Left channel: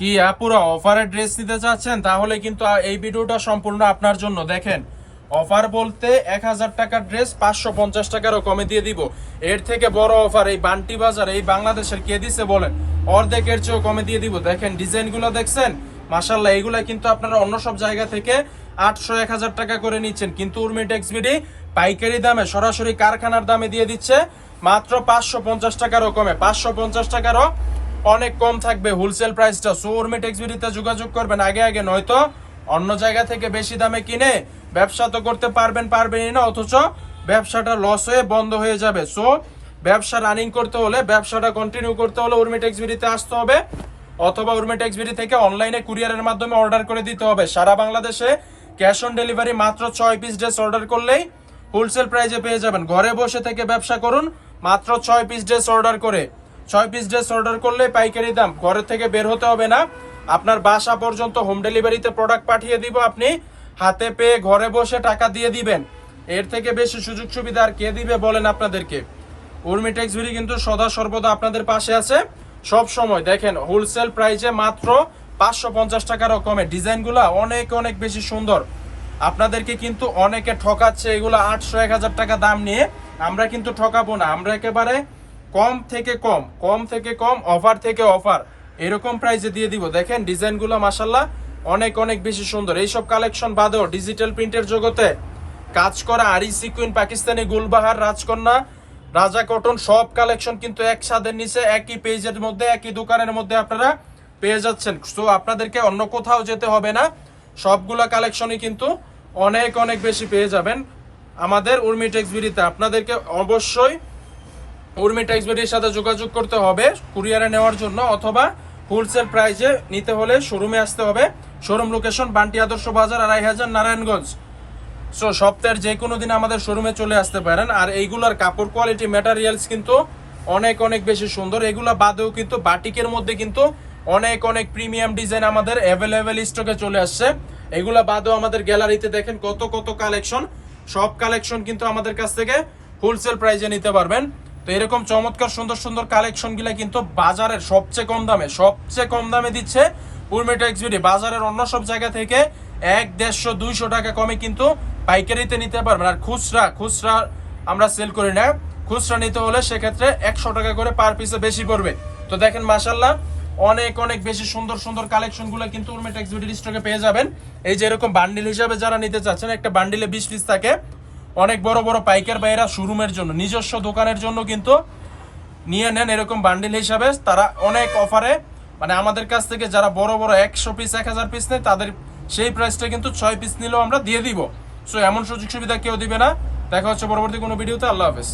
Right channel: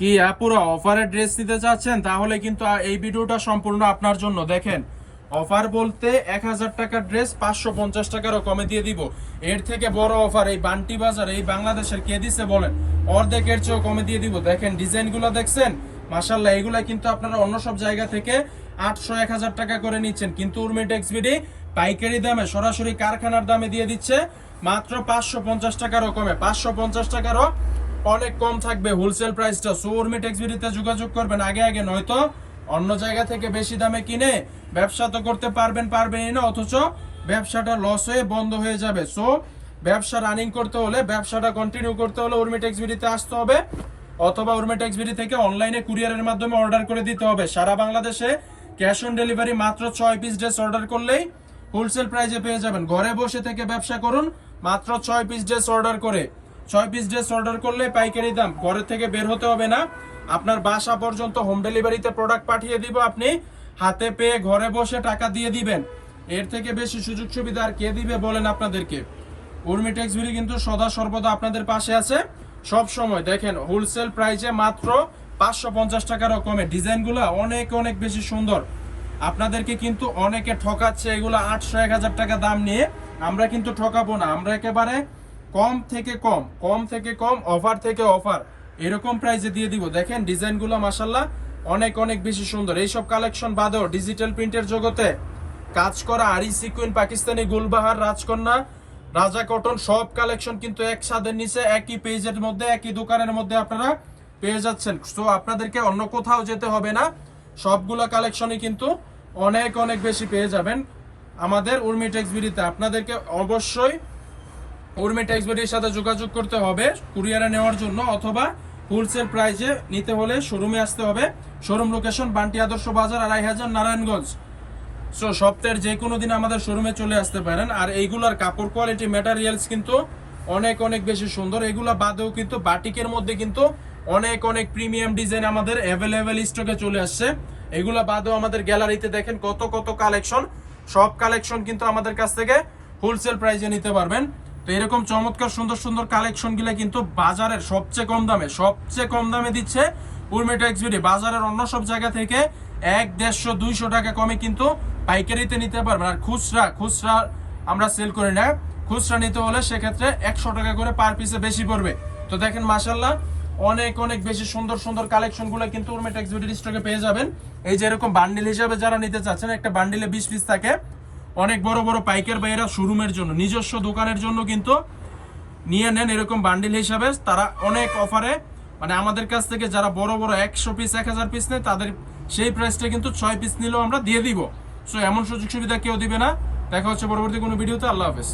কি পুরো অফারে ড্রেস নিতে চাচ্ছেন, তাহলে কিন্তু এই ভিডিওটা সম্পূর্ণ আপনার জন্য। দেখেন, অফার বলতে 1000 টাকার ড্রেস 550 টাকারও কমে দিয়ে দিব। এর থেকে বড় অফার এই বান্টি বাজার এই বাংলাদেশের কে দিছে বলেন? অর্ধেকের চেয়েও কমে দিয়ে দিব। দেখেন ডিজাইনগুলো দেখছেন, মাশাআল্লাহ। এগুলা কিন্তু আপনারা অন্য সব জায়গা থেকে 800-1000 টাকা করে নিচ্ছেন, কিন্তু উর্মি টেক্সবিডি পাইকারি দামে সরাসরি কারখানার দামে দিয়ে দিচ্ছে মাত্র 550 টাকারও কমে। 550 টাকারও অনেক কম থাকবে হোলসেল প্রাইসটা। সো উর্মি টেক্সবিডিতে যোগাযোগ করবেন আগে আগে, নয়তো অন্য জায়গা থেকে বেশি দামে কিনে ব্যবসা তো করতে পারবেনই না, অথচ ব্যবসাটা লস হয়ে বন্ধ হয়ে যাবে। সো ব্যবসা রানিং করতে হলে, ব্যবসাটা কন্টিনিউ করতে হলে উর্মি টেক্সবিডিতে আসতে হবে, অথবা উর্মি টেক্সবিডি থেকে অনলাইনে কুরিয়ারের মাধ্যমে অর্ডার করে দিতে হবে। সারা বাংলাদেশে ক্যাশ অন ডেলিভারি, মাত্র 6 পিস ড্রেস অর্ডার করলেই হোলসেল প্রাইসে পেয়ে যাবেন। ঘরে বসে থেকে ব্যবসা করুন, মাত্র 6 পিস ড্রেস অর্ডার করে। 6 পিস ড্রেস অর্ডার করলে পাইকারি দাম, ঘরে থেকে বের হতে হবে না, আপনার বাসা পর্যন্ত হোম ডেলিভারিতে প্রোডাক্ট পাঠিয়ে দিব, আপনি হাতে পেয়ে ঘরে বসে টাকা দিয়ে দিবেন। এর থেকে বেশি সুযোগ সুবিধা আর কে দিবে বলেন আপনাদেরকে? উর্মি টেক্সবিডি কিন্তু সদা সর্বদা আপনাদের পাশে আছে সব সময়। দেখেন হোলসেল প্রাইসে মাত্র 550 টাকারও কমে। ডিজাইনগুলো অনেক অনেক বেশি সুন্দর। আপনাদেরকে কিন্তু অনেকে ঠকাচ্ছে এগুলো 800-1000 টাকা দাম নিয়ে। আমরা কিন্তু ঠকাবো না, আমরা একেবারে কম থেকে কম, অফার থেকে অফার, এরকম প্রাইসে দিয়ে দিব। দেখেন ডিজাইনগুলো মাশাআল্লাহ অনেক অনেক বেশি সুন্দর। এইসব কালেকশন বাদেও ডিজিটাল প্রিন্টের জগতে কাজ করা আরি সিকুইন, পাকিস্তানি গুলবাহার, রাজকন্যা, রাজা কটন সব কালেকশন কিন্তু এক ছাদের নিচে একই পেজের মধ্যে একই দোকানের মধ্যে আপনারা পেয়ে যাচ্ছেন। তো আপনাদেরকে অন্য কোথাও যেতে হবে না, সবগুলা কালেকশনই কিন্তু অনেক অনেক বেশি পেয়ে যাবেন আমাদের উর্মি টেক্সবিডিতে। আপনাদেরকে অবশ্যই উর্মি টেক্সবিডির সাথে যোগাযোগ করতে হবে কুরিয়ারে নেওয়ার জন্য, অথবা হোলসেল প্রাইসে নিতে হলে শোরুমে আসতে হবে। শোরুম লোকেশন বান্টি আদর্শ বাজার, 2500, নারায়ণগঞ্জ। সো সপ্তাহের যে কোনো দিন আমাদের শোরুমে চলে আসতে পারেন। আর এইগুলোর কাপড় কোয়ালিটি, ম্যাটেরিয়ালস কিন্তু অনেক অনেক বেশি সুন্দর। এগুলো বাদেও কিন্তু বাটিকের মধ্যে কিন্তু অনেক অনেক প্রিমিয়াম ডিজাইন আমাদের অ্যাভেলেবেল স্টকে চলে আসছে। এগুলো বাদেও আমাদের গ্যালারিতে দেখেন কত কত কালেকশন, সব কালেকশন কিন্তু আমাদের কাছ থেকে হোলসেল প্রাইসে নিতে পারবেন। তো এরকম চমৎকার সুন্দর সুন্দর কালেকশনগুলো কিন্তু বাজারের সবচেয়ে কম দামে দিচ্ছে উর্মি টেক্সবিডি। বাজারের অন্য সব জায়গা থেকে 100-150-200 টাকা কমে কিন্তু পাইকারিতে নিতে পারবেন। আর খুচরা আমরা সেল করি না, খুচরা নিতে হলে সেক্ষেত্রে 100 টাকা করে পার পিসে বেশি পড়বে। তো দেখেন মাশাআল্লাহ অনেক অনেক বেশি সুন্দর সুন্দর কালেকশনগুলো কিন্তু উর্মি টেক্সবিডির স্টকে পেয়ে যাবেন। এই যে এরকম বান্ডিল হিসাবে যারা নিতে চাচ্ছেন, একটা বান্ডিলে 20 পিস থাকে। অনেক বড় বড় পাইকার ভাইরা শোরুমের জন্য, নিজস্ব দোকানের জন্য কিন্তু নিয়ে নেন এরকম বান্ডিল হিসাবে। তারা অনেক অফারে, মানে আমাদের কাছ থেকে যারা বড় বড় 100 পিস 1000 পিস নেয়, তাদের সেই প্রাইসটা কিন্তু 6 পিস নিলেও আমরা দিয়ে দিব। সো এমন সুযোগ সুবিধা কেউ দিবে না। দেখা হচ্ছে পরবর্তী কোনো ভিডিওতে। আল্লাহ হাফেজ।